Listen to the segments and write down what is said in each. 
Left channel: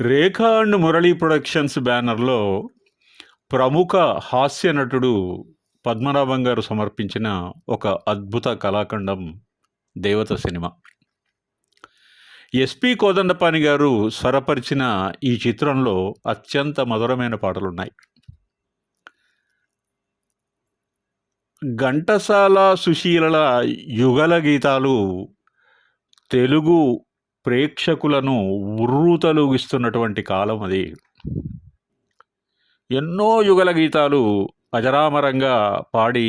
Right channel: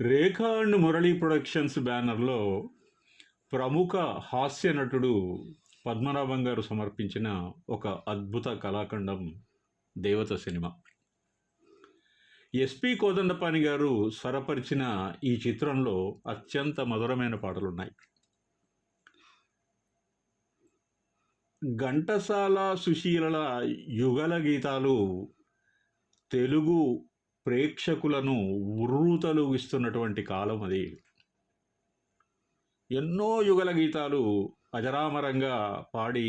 Rekha and Murali productions బ్యానర్‌లో ప్రముఖ హాస్య నటుడు పద్మనాభం గారు సమర్పించిన ఒక అద్భుత కళాఖండం 'దేవత' సినిమా. ఎస్‌పి కోదండపాణి గారు స్వరపరిచిన ఈ చిత్రంలో అత్యంత మధురమైన పాటలున్నాయి. ఘంటసాల, సుశీలల యుగళ గీతాలు తెలుగు ప్రేక్షకులను ఉర్రూతలూగిస్తున్నటువంటి కాలం అది. ఎన్నో యుగళ గీతాలు అజరామరంగా పాడి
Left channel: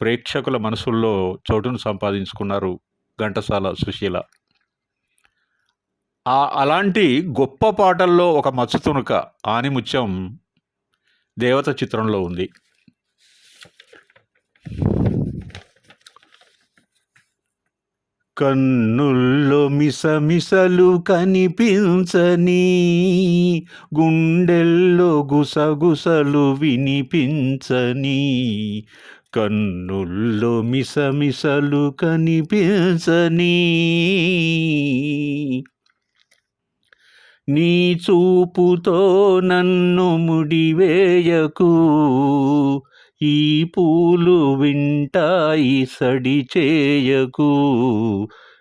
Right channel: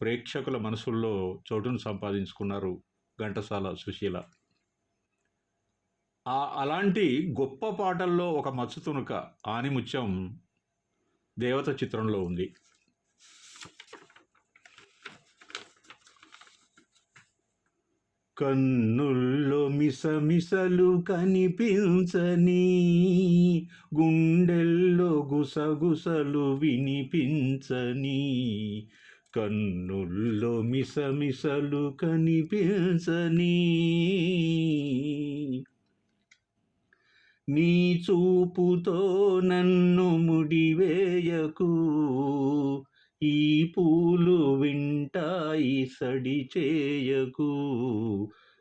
ప్రేక్షకుల మనసుల్లో చోటును సంపాదించుకున్నారు ఘంటసాల, సుశీల. అలాంటి గొప్ప పాటల్లో ఒక మచ్చుతునక, ఆనిముత్యం 'దేవత' చిత్రంలో ఉంది. కన్నుల్లో మిసమిసలు కనిపించని, గుండెల్లో గుసగుసలు వినిపించని, కన్నుల్లో మిసమిసలు కనిపించని, నీ చూపుతో నన్ను ముడివేయకు, ఈ పూలు వింటాయి సడి చేయకు,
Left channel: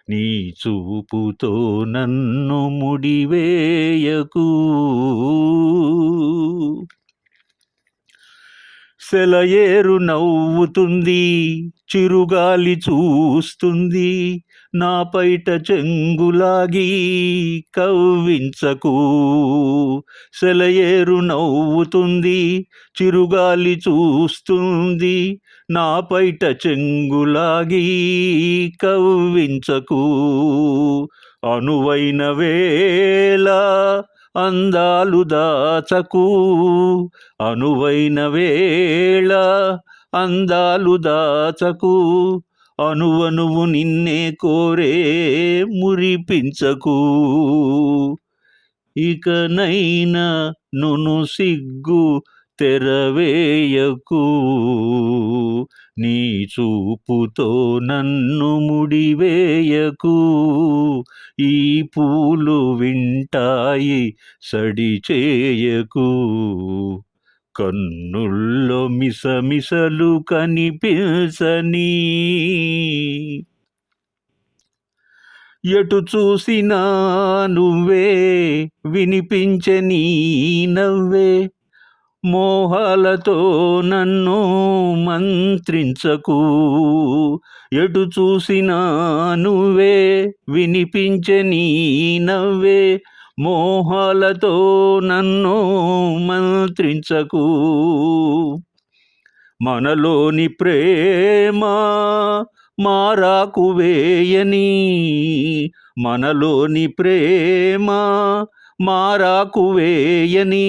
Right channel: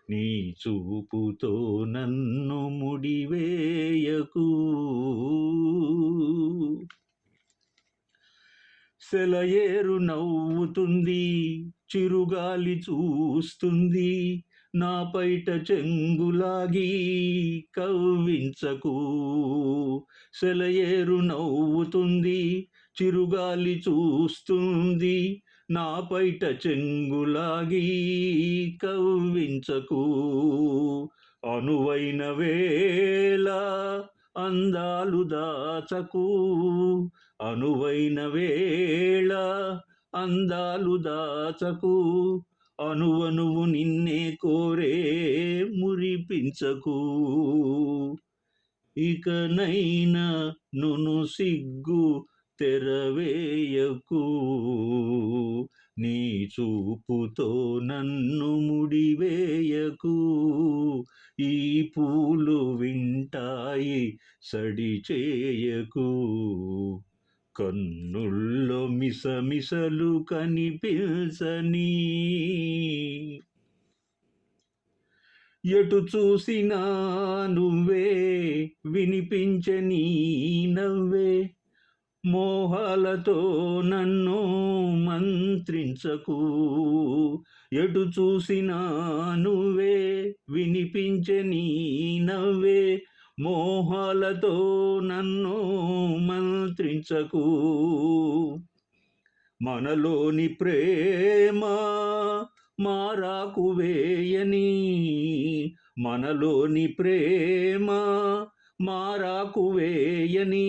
నీ చూపుతో నన్ను ముడివేయకు. సెలయేరు నవ్వుతుంది, చిరుగాలి చూస్తుంది, నా పైట చెంగులాగి కవ్వించకు. సెలయేరు నవ్వుతుంది, చిరుగాలి చూస్తుంది, నా పైట చెంగులాగి కవ్వించకు. అనువైన వేళ అందాలు దాచకు, అనువైన వేళ అందాలు దాచకు, అనువనువు నిన్నే కోరే మురిపించకు. ఇకనైనా నును సిగ్గు తెరవేయకు, నీ చూపుతో నన్ను ముడివేయకు, ఈ పూలు వింటాయి సడి చేయకు, కన్నుల్లో మిసమిసలు కనిపించని, ఎటు చూసినా నువ్వే వినిపించే నీ నవ్వే, మోహాలతో నన్ను మంత్రించకు. ఎటు చూసినా నువ్వే వినిపించే నీ నవ్వే, మోహాలతో నన్ను మంత్రించకు. మనలోని ప్రేమ మారాకు వేయని, మనలోని ప్రేమ మారాకు వేయని,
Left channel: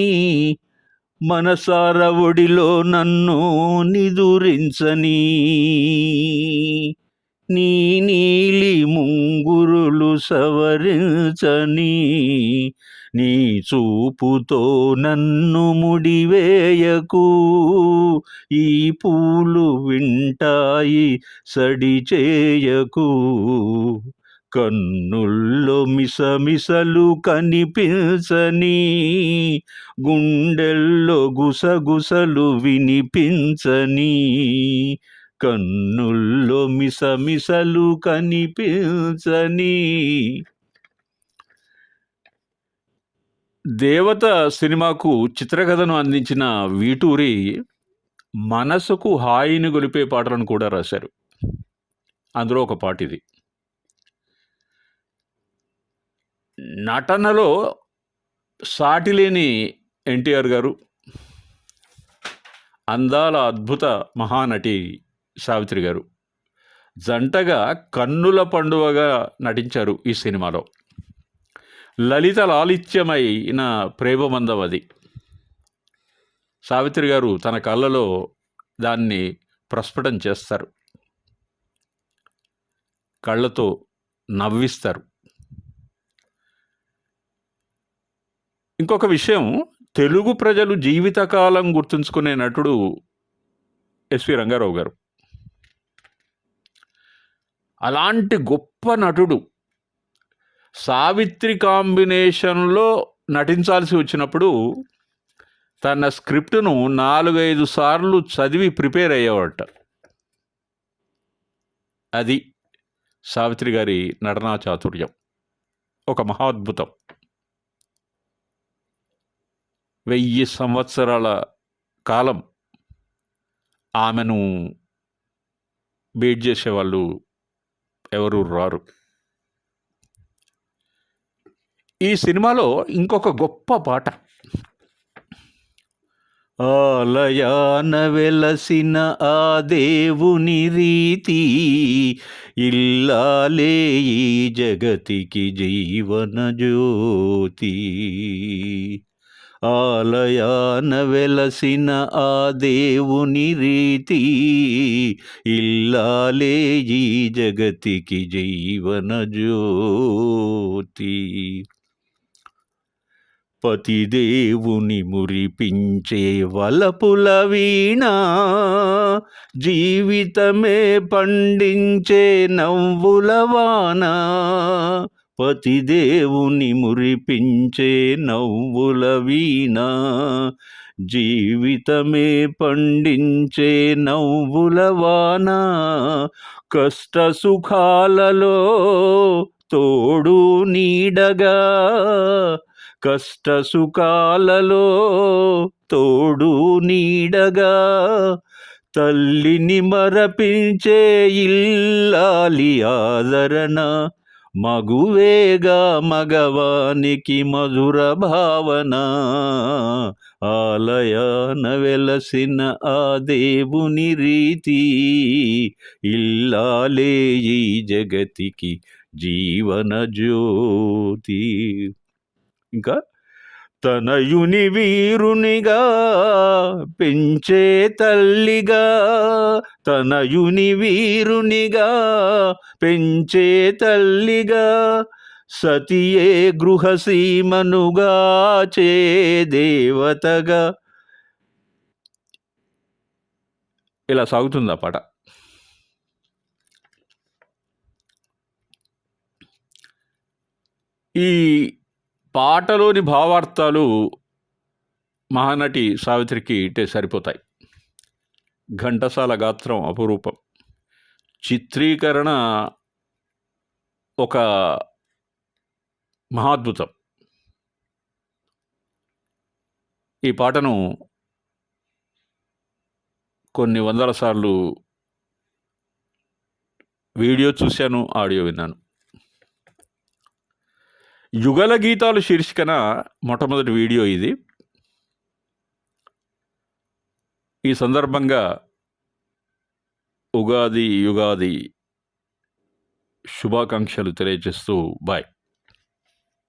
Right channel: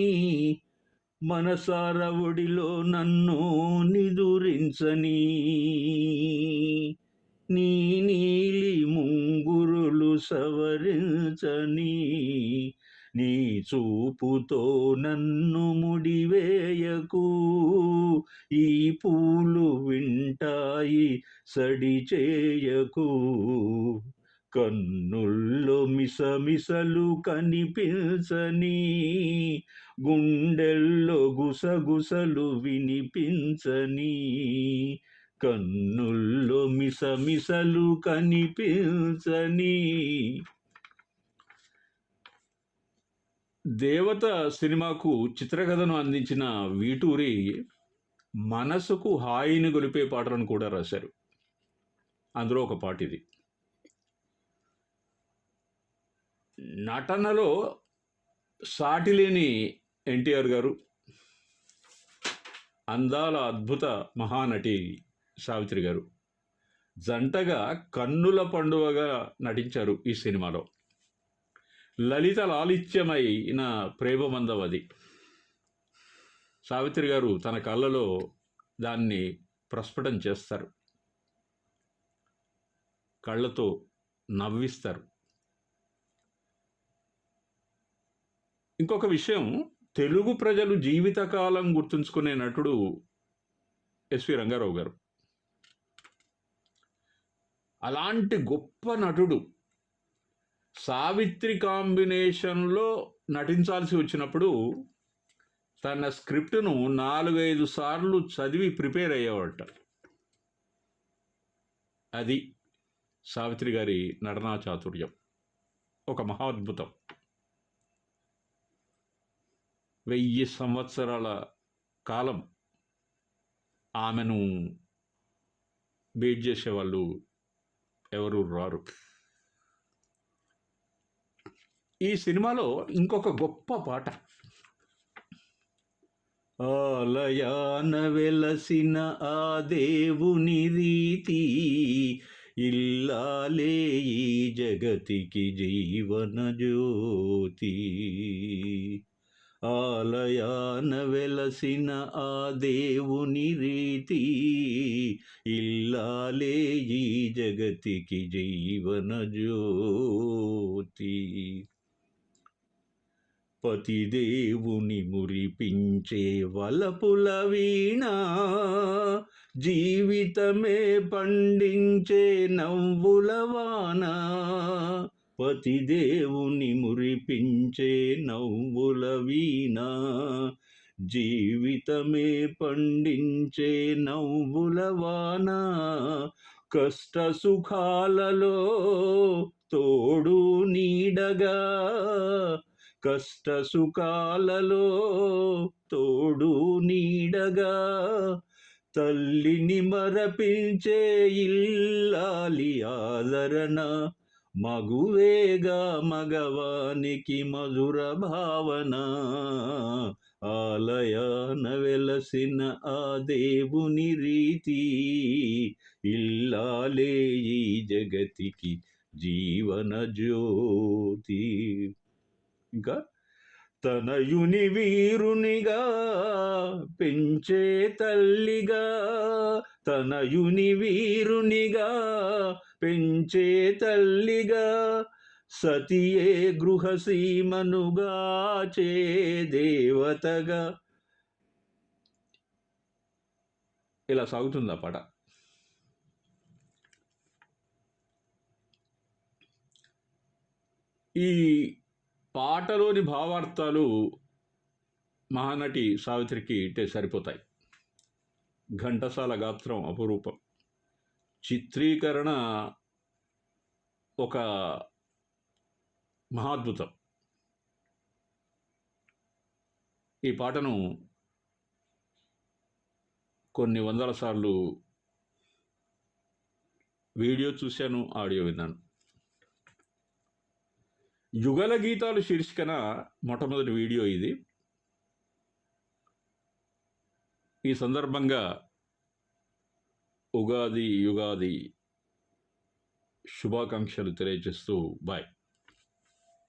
మనసార ఒడిలో నన్ను నిదురించని, నీ నీలి ముంగురులు సవరించని, నీ చూపుతో నన్ను ముడివేయకు, ఈ పూలు వింటాయి సడి చేయకు, కన్నుల్లో మిసమిసలు కనిపించని, గుండెల్లో గుసగుసలు వినిపించని, కన్నుల్లో మిసమిసలు కనిపించని. 'దేవత' సినిమాకు చిత్రకథను అందించిన వీటూరి మనసుకు హాయిని గొలిపే పాటలను కూడా రాశారు. అందులో ఒక పాట ఇది. నటనలో సాటిలేని ఎన్టీఆర్ గారు, అందాల అద్భుత మహానటి సావిత్రి గారు జంటగా కన్నుల పండువగా నటించారు ఈ సినిమాలో. లలిత లాలిత్యమైన ప్రేమబంధం అది. సావిత్రి గారు తన కళ్ళలో దాన్ని ప్రస్ఫుటం చేస్తారు, కళ్ళతో నవ్విస్తారు. ఇంకొక విషయం, తెలుగు ప్రజలు జీవితకాలం గుర్తుంచుకునే నటుడు ఎస్వి రంగారావు గారు. అలాంటి గొప్ప నటుడు సావిత్రి కాంబినేషన్లో నటించాల్సి వచ్చినప్పుడు తన స్క్రిప్ట్‌ను 4, 5 సార్లు చదివి ప్రిపేర్ అయ్యేవాడట. అది సావిత్రి గారి నటనా చాతుర్యం. ఒక మహాద్భుతం. 1000 సంవత్సరాల కాలం ఆమెను బీట్ చేసేవాళ్ళు ఎవరు రారు. ఈ సినిమాలో ఇంకొక గొప్ప పాట, ఆలయాన వెలసిన ఆ దేవుని రీతి ఇల్లాలే ఈ జగతికి జీవన జ్యోతి. ఆలయాన వెలసిన ఆ దేవుని రీతి ఇల్లాలే ఈ జగతికి జీవన జ్యోతి. పతిదేవుని మురిపించే వలపుల వీణ జీవితమే పండించే నవ్వుల వాన. పతిదేవుని మురిపించే నవ్వుల వీణ జీవితమే పండించే నవ్వుల వాన. కష్ట సుఖాలలో తోడు నీడగా, కష్ట సుఖాలలో తోడు నీడగా తల్లిని మరపించే ఇల్లాలి ఆదరణ. మగువేగా మగవానికి మధుర భావన. ఆలయాన వెలసిన ఆ దేవుని రీతి ఇల్లాలే ఈ జగతికి జీవన జ్యోతి. ఇంకా తనయుని వీరునిగా పెంచే తల్లిగా, తనయుని వీరునిగా పెంచే తల్లిగా సతియే గృహసీమనుగా చే దేవతగా. ఇలా సాగుతుంది ఆ పాట. ఈ పాటలోని భావార్థాలు మహానటి సావిత్రికి ఇట్టే సరిపోతాయి. ఘంటసాల గాత్రం అపురూపం. చిత్రీకరణ ఒక మహాద్భుతం. ఈ పాటను కొన్ని వందల సార్లు వీడియో చూశాను, ఆడియో విన్నాను. యుగల గీతాలు శీర్షికన మొట్టమొదటి వీడియో ఇది. ఈ సందర్భంగా ఉగాది యుగాది శుభాకాంక్షలు తెలియజేస్తూ బాయ్.